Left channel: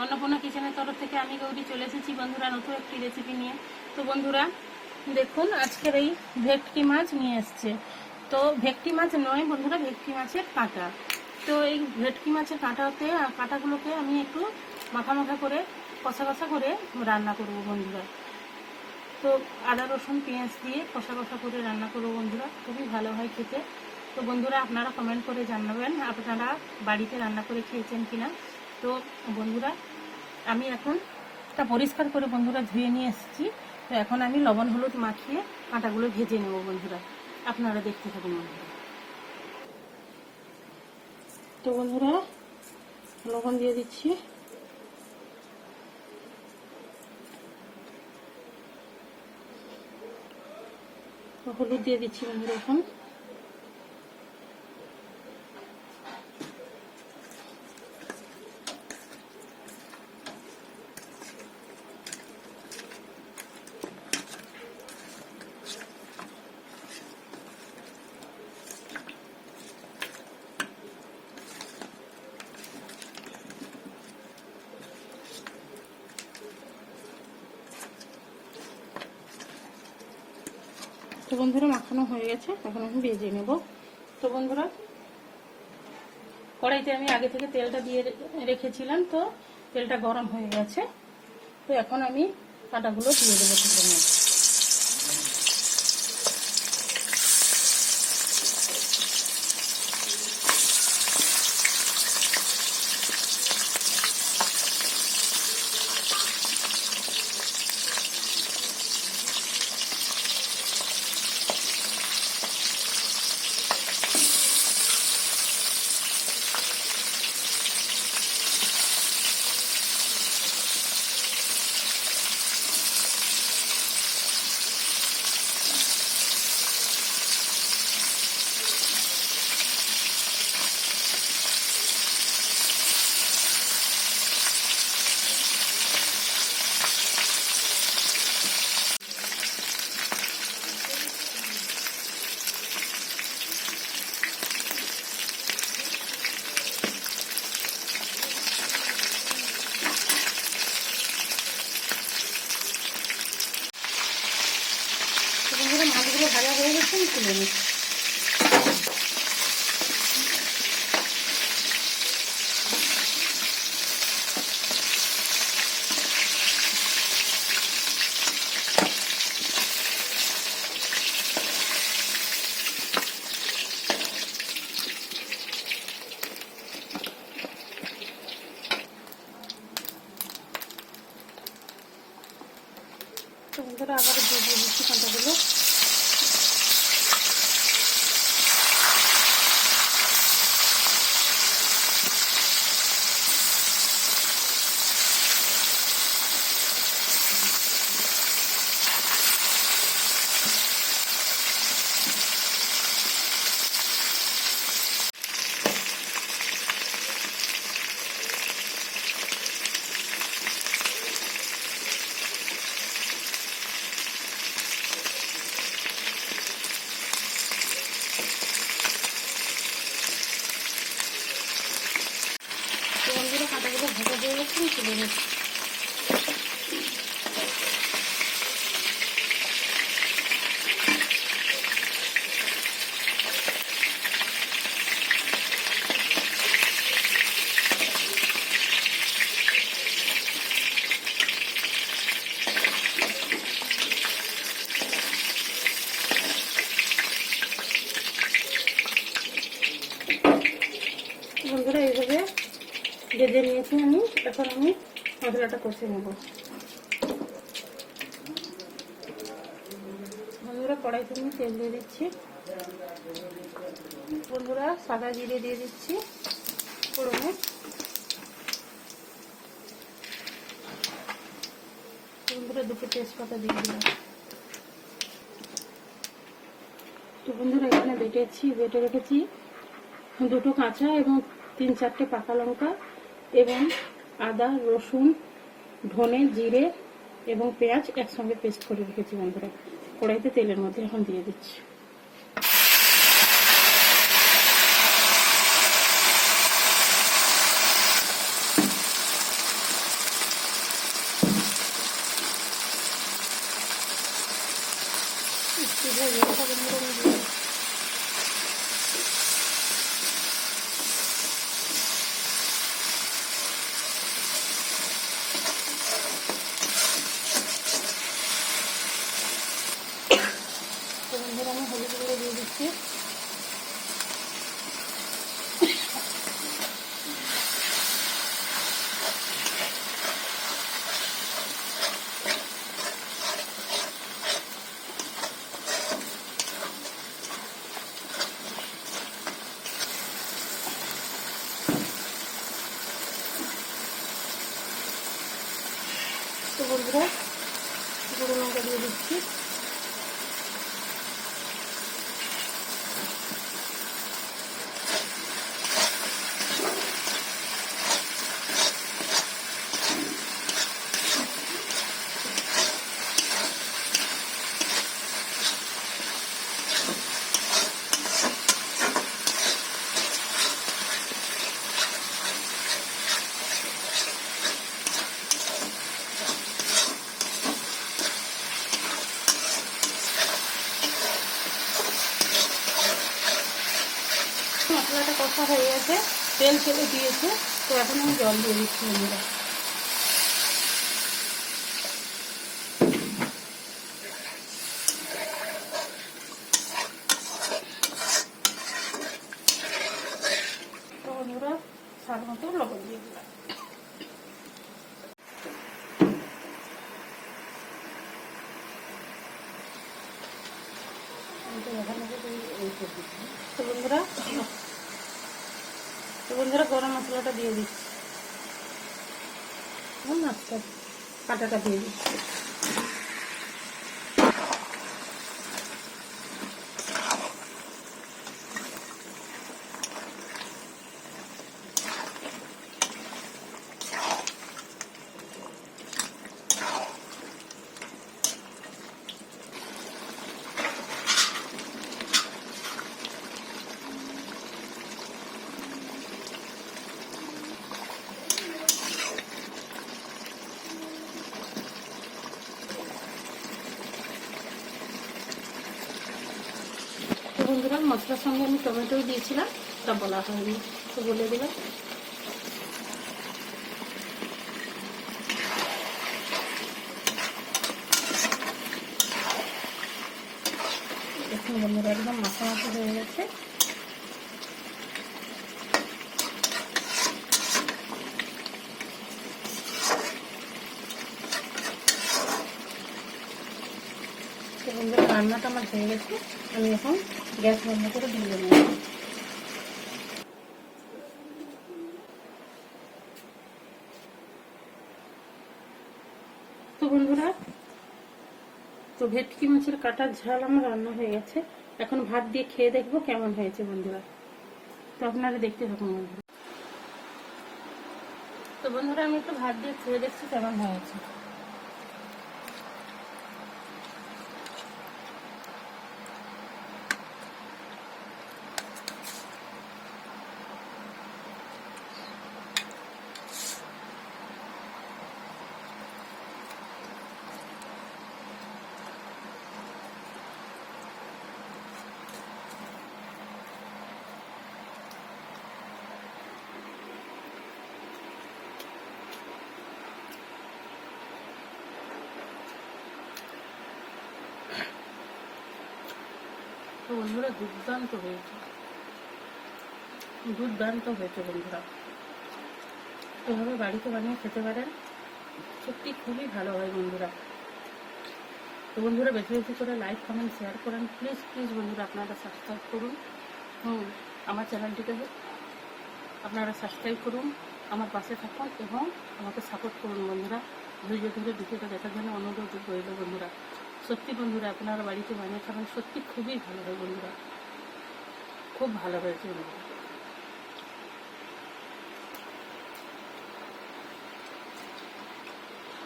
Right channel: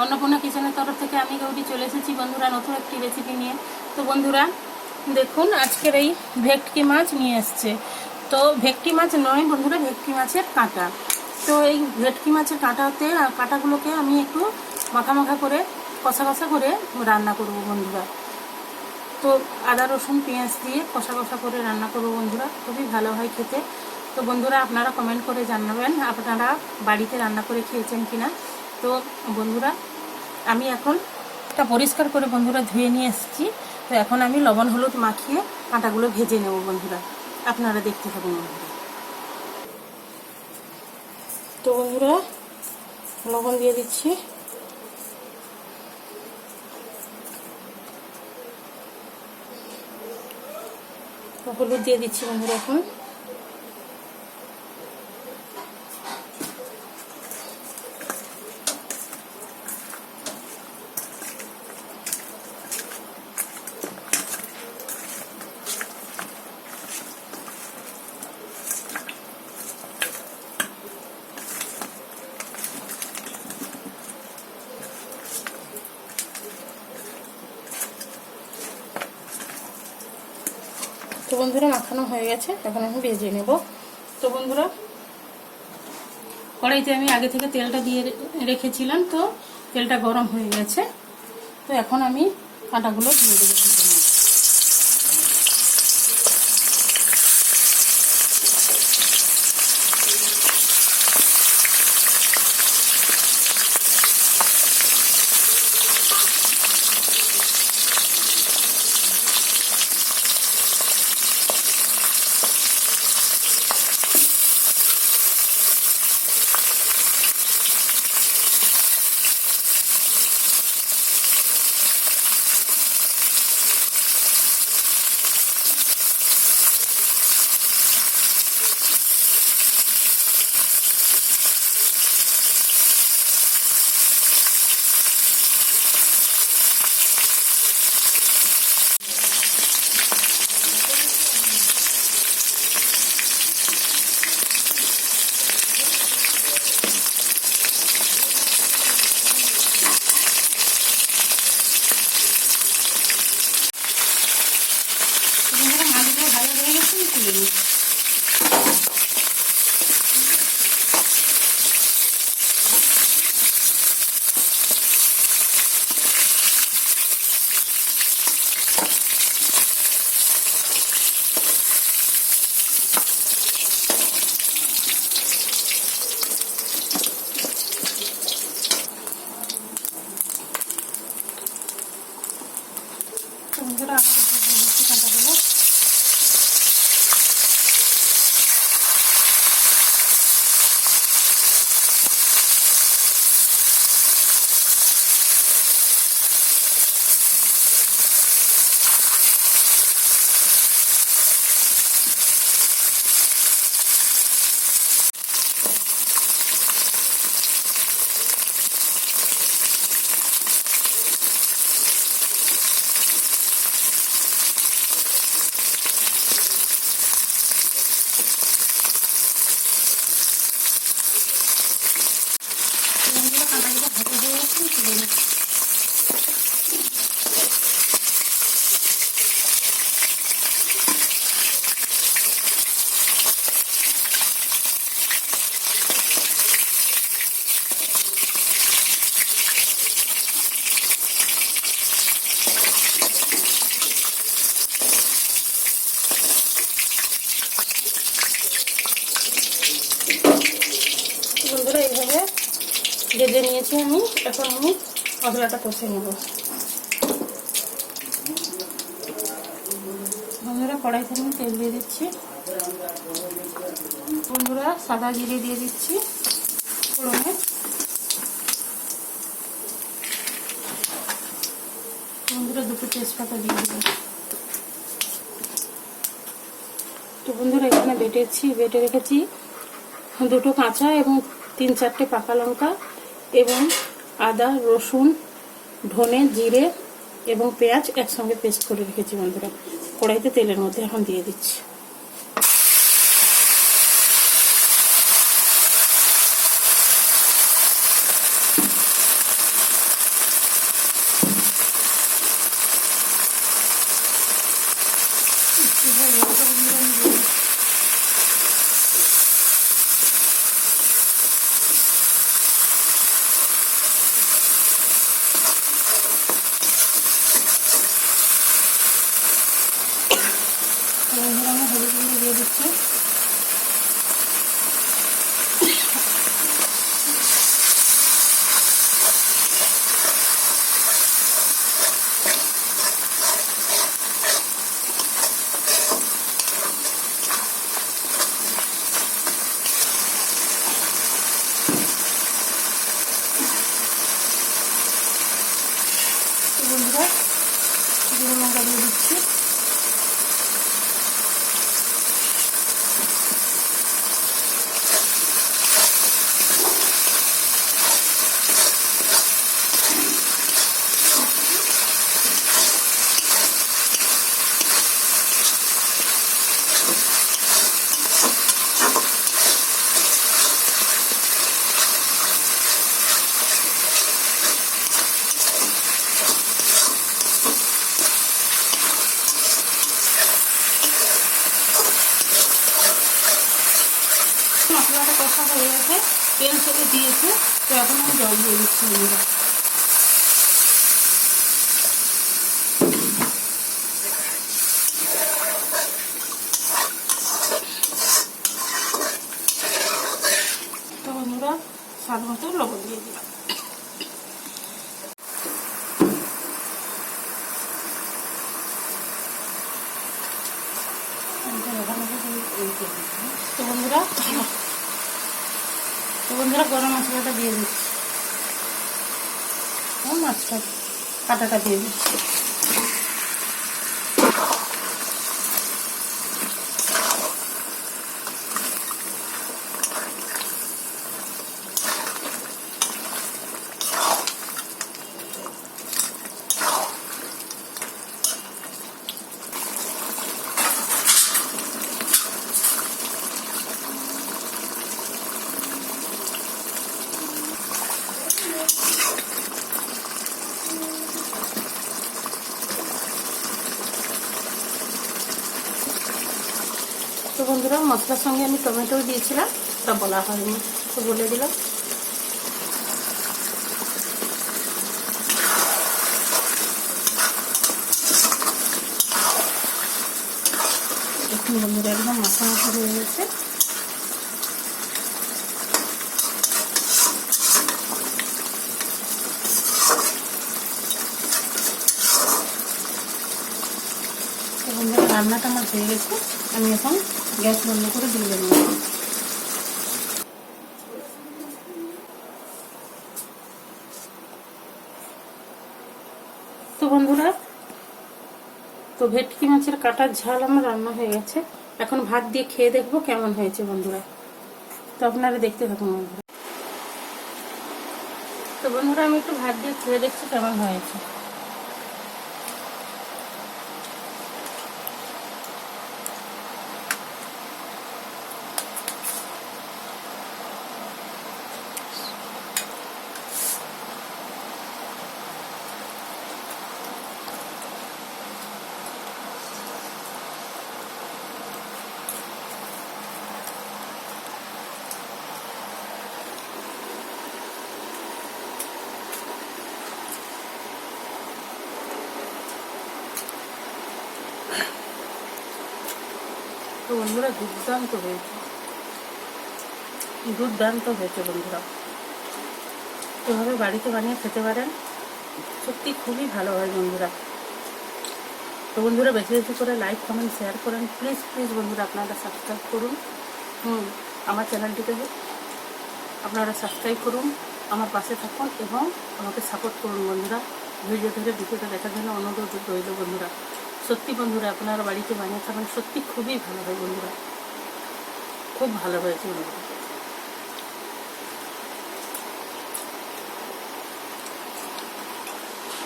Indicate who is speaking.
Speaker 1: অন্নপূর্ণা কিচেনের তরফ থেকে আমি গৌরী চলে এসেছি। বন্ধুরা, নতুন একটি রেসিপি নিয়ে। তো বন্ধুরা, দেখুন, আজকের এই ভেটকি মাছ নিয়ে এসছে। তো ভেটকি মাছ নয় বন্ধুরা, ভেটকি মাছের কাঁটা। তো এই ভেটকি মাছের কাঁটাতে কাঁটাগুলোকে আমি একটু মাখা মাখা করে, কষা কষা করে রান্না করব বন্ধুরা। তো আদা, রসুন, পেঁয়াজ দিয়ে কষা কষা করে রান্না করব বন্ধুরা। খুবই ভালো হয় খেতে। তো বন্ধুরা, আপনারা কমেন্ট করে জানাবেন, আপনারা বাড়িতে রান্না করে খেয়েছেন কিনা। তো বন্ধুরা, আমি এখন এটা পরিষ্কার করে বন্ধুরা ধুয়ে নিয়ে এসেছি। তো এখন আমি লবণ, হলুদ মাখিয়ে আটাগুলো ভেজে নেব বন্ধুরা। আপনারা দেখতে থাকুন বন্ধুরা। তো বন্ধুরা, লবণ দিয়ে দিচ্ছি। হলুদ দিয়ে দিচ্ছি বন্ধুরা এখন। তো বন্ধুরা মাখানো হয়ে গেছে, এখন আমি ভেজে নেব। তো বন্ধুরা, কড়াইতে আমি আগে থেকে তেলটা দিয়ে রেখেছিলাম তো, তেলটা গরম হয়ে গেছে। তো এখন আমি আটাগুলো দিয়ে দেবো সেখানে তো বন্ধুরা মাছগুলো ভাজা হয়ে গেছে আমি তুলে নিচ্ছি তো বন্ধুরা আবার দিয়ে দিচ্ছি কাঁটাগুলো তো বন্ধুরা কাঁটাগুলো ভাজা হয়ে গেছে আমি তুলে নিচ্ছি বন্ধুরা এইভাবে ভেজে নিয়েছি আমি এখন আমি মশলাটা কষে নেব। বন্ধুরা কড়াইতে আমি তেল দিয়ে দিচ্ছি। বন্ধুরা, সাদা জিরে দিয়ে দিচ্ছি ফোড়নে। বন্ধুরা, দুটো তেজপাতা দিয়ে দিলাম। তো বন্ধুরা, এখানে বেটেছি, বেটে রেখেছি দুটো কাঁচা এবং তিন চারটে পাকা লঙ্কা এবং আদা, রসুন, ধনে, জিরে এবং পেঁয়াজ একসঙ্গে পেস্ট করে রেখেছি বন্ধুরা। কড়াইতে তেলের মধ্যে এখন দিয়ে দিচ্ছি তো বন্ধুরা জিরে লঙ্কা দিয়ে দিচ্ছি। মশলাটা কষা হয়ে গেছে, তেল ছেড়ে দিয়েছে, তো এখন আমি জল দিয়ে দিচ্ছি বন্ধুরা। তো বন্ধুরা, স্বাদ মতো লবণ দিয়ে দিলাম। তো বন্ধুরা তো বন্ধুরা গরম মশলাটা দিয়ে দিচ্ছি। মাছটা কাটাটা দিয়ে দিচ্ছি। তো বন্ধুরা, মশলার সঙ্গে আমি টমেটো দিয়েছিলাম ওটা বলা হয়নি, তো বলে দিলাম। বন্ধুরা, একদম মাথা মাথা হয়ে গেছে। রান্নাটা আমার হয়ে গেছে। আমি এখন গ্যাস বন্ধ করে দিয়ে দেবো। তো বন্ধুরা, তো ভেটকি মাছের কাটার ঝাল আমার রান্না হয়ে গেছে। এখন ভাত দিয়ে খেয়ে দেখব কেমন হয়েছে বন্ধুরা। তো আপনারা দেখতে থাকুন বন্ধুরা। তো বন্ধুরা, আমি একটু ভাত দিয়ে খেয়ে দেখছি কেমন হয়েছে। বন্ধুরা দুর্দান্ত হয়েছে। দুর্দান্ত হয়েছে বন্ধুরা। এভাবে বাড়িতে বানিয়ে খেতে পারেন, সত্যি খুবই ভালো হয় বন্ধুরা। তো বন্ধুরা, বেশি বেশি করে লাইক কমেন্ট শেয়ার করেন। প্লিজ প্লিজ বন্ধুরা, আপনারা সাবস্ক্রাইব করুন। হুম, আমার চ্যানেলটিকে আপনারা সাবস্ক্রাইব করুন, আমার পাশে থাকুন এবং আমাকে সাপোর্ট করুন বন্ধুরা। ধৈর্য ধরে ভিডিওটা দেখার জন্য অনুরোধ রইল বন্ধুরা। সত্যি বন্ধুরা, আপনারা বাড়িতে বানিয়ে খাবেন সত্যি খুবই ভালো হয় বন্ধুরা। খুব ভালো হয়েছে বন্ধুরা।